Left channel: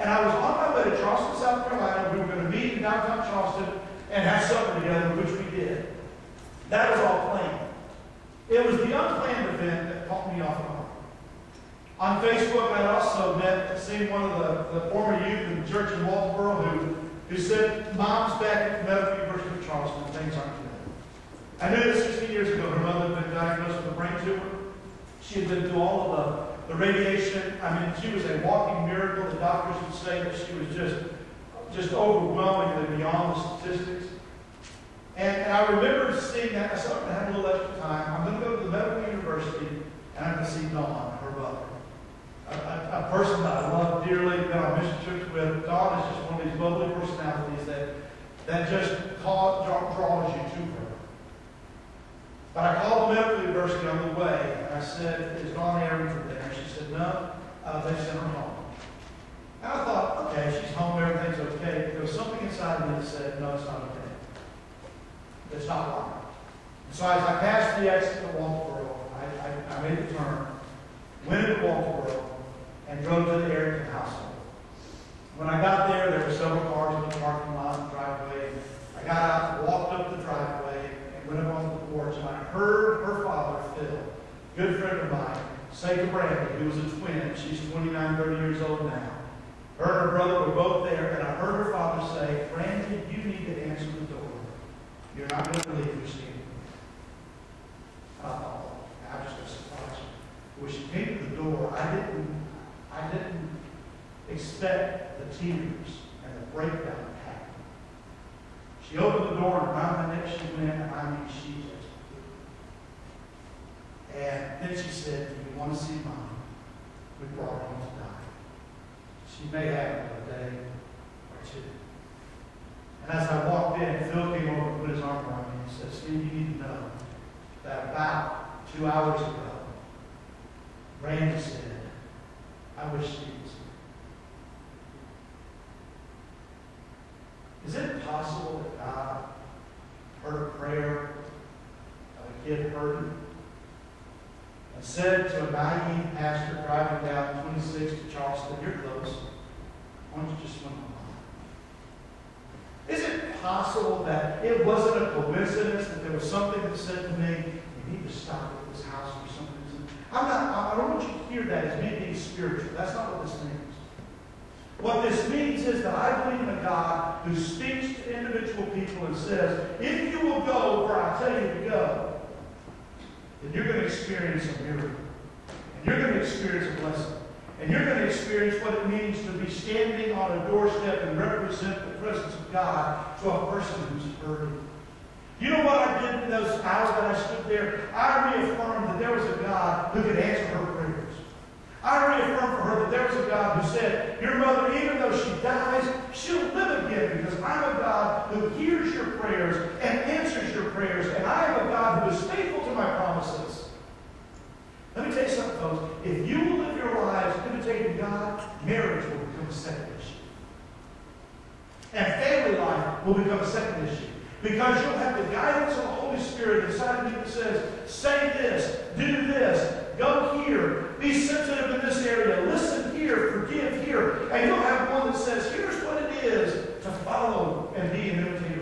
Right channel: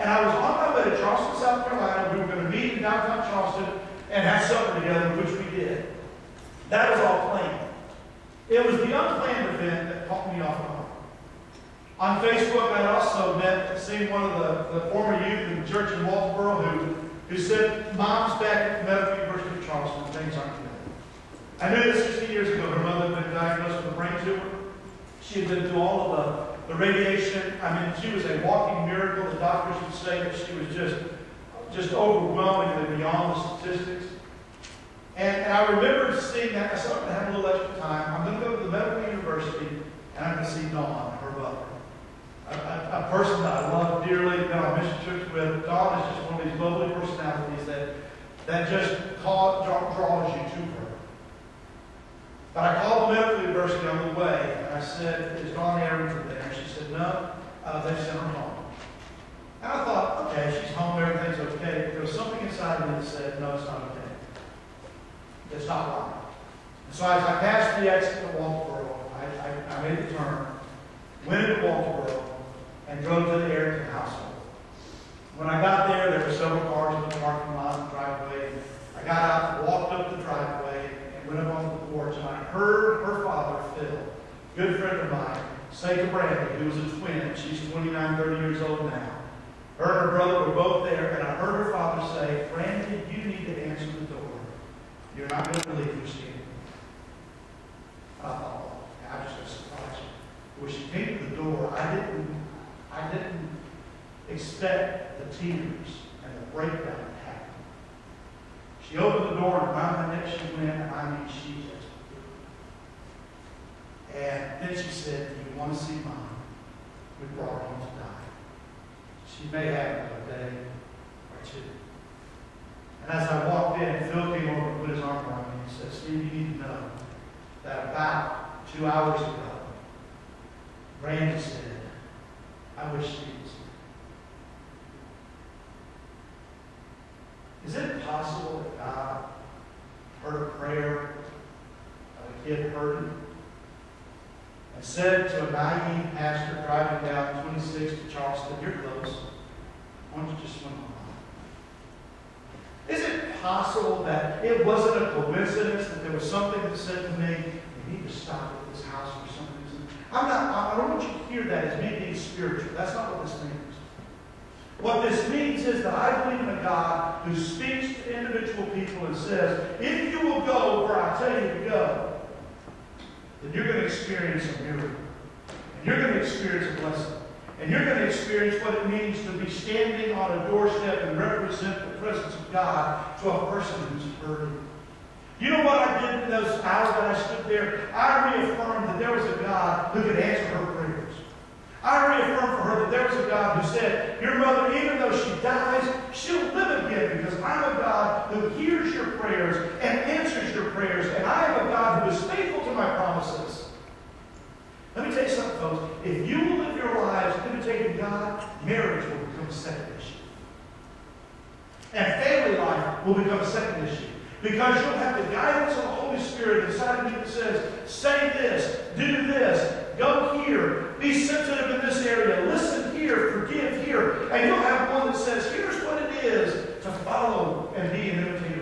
And I was on my way to Charleston, South Carolina. We were going to meet in downtown Charleston and have supper together, which we did. That was all planned. It was the unplanned event that caught me off guard. On Facebook, I also seen one of the former youth in the church in Walterboro who said, Mom's back at the Medical University of Charleston, and things aren't good. I knew this 60 years ago. Her mother had been diagnosed with a brain tumor. She had been through all of the radiation. I mean, she was a walking miracle. The doctors would say that she was just overwhelmingly beyond the statistics. And I remember seeing that. I said, I'm going to have a little extra time. I'm going to go to the Medical University, and I'm going to see Dawn, her mother. A person that I love dearly, that I mission trips with. Dawn is just one of these lovely personalities that just draws you to her. But I called the Medical University on the way, and I said, is Dawn Arrington there? And she said, no, they sent her home. And I thought, okay, she's home, everything's okay. There was something inside me that said, no, it's not okay. It's not right. And so as I passed the exit of Walterboro, I made the turn, went into Walterboro, and drove to the Arrington household. When I got there, there were several cars in the parking lot and the driveway. I got out, walked up the driveway, and went up onto the porch, and I heard her father, Phil, good friend of mine, say to Brandy, who was a twin, she's 29, 30 years old now. Her and her brother were both there, and I heard her father say, Brandy, you need to answer the door. You're not going to believe who's standing. I thought, I'm just going to surprise you. When she came to the door, I didn't expect the tears and the breakdown that happened. She opened the door, and around my neck she went, and I mean, she just blew. And then she said, do you want to see Mom? We brought her home to die. She may have another day or two. And as I walked in, Phil came over and put his arm around me and said, Steve, you need to know that about 2 hours ago, Randy said, I wish Steve was here. Is it possible that God heard a prayer of a kid hurting and said to a naive pastor driving down 26 to Charleston, you're close, why don't you just swim on? Is it possible that it wasn't a coincidence that there was something that said to me, you need to stop at this house for some reason? I don't want you to hear that as me being spiritual. That's not what this means. What this means is that I believe in a God who speaks to individual people and says, if you will go where I tell you to go, then you're going to experience a miracle. And you're going to experience a blessing. And you're going to experience what it means to be standing on a doorstep and represent the presence of God to a person who's hurting. You know what I did in those hours that I stood there? I reaffirmed that there was a God who could answer her prayers. I reaffirmed for her that there was a God who said, your mother, even though she dies, she'll live again because I'm a God who hears your prayers and answers your prayers, and I am a God who is faithful to my promises. Let me tell you something, folks. If you will live your lives imitating God, marriage will become a second issue. And family life will become a second issue. Because you'll have the guidance of the Holy Spirit inside of you that says, say this, do this, go here, be sensitive in this area, listen here, forgive here. And you'll have one that says, here's what it is to follow and be an imitator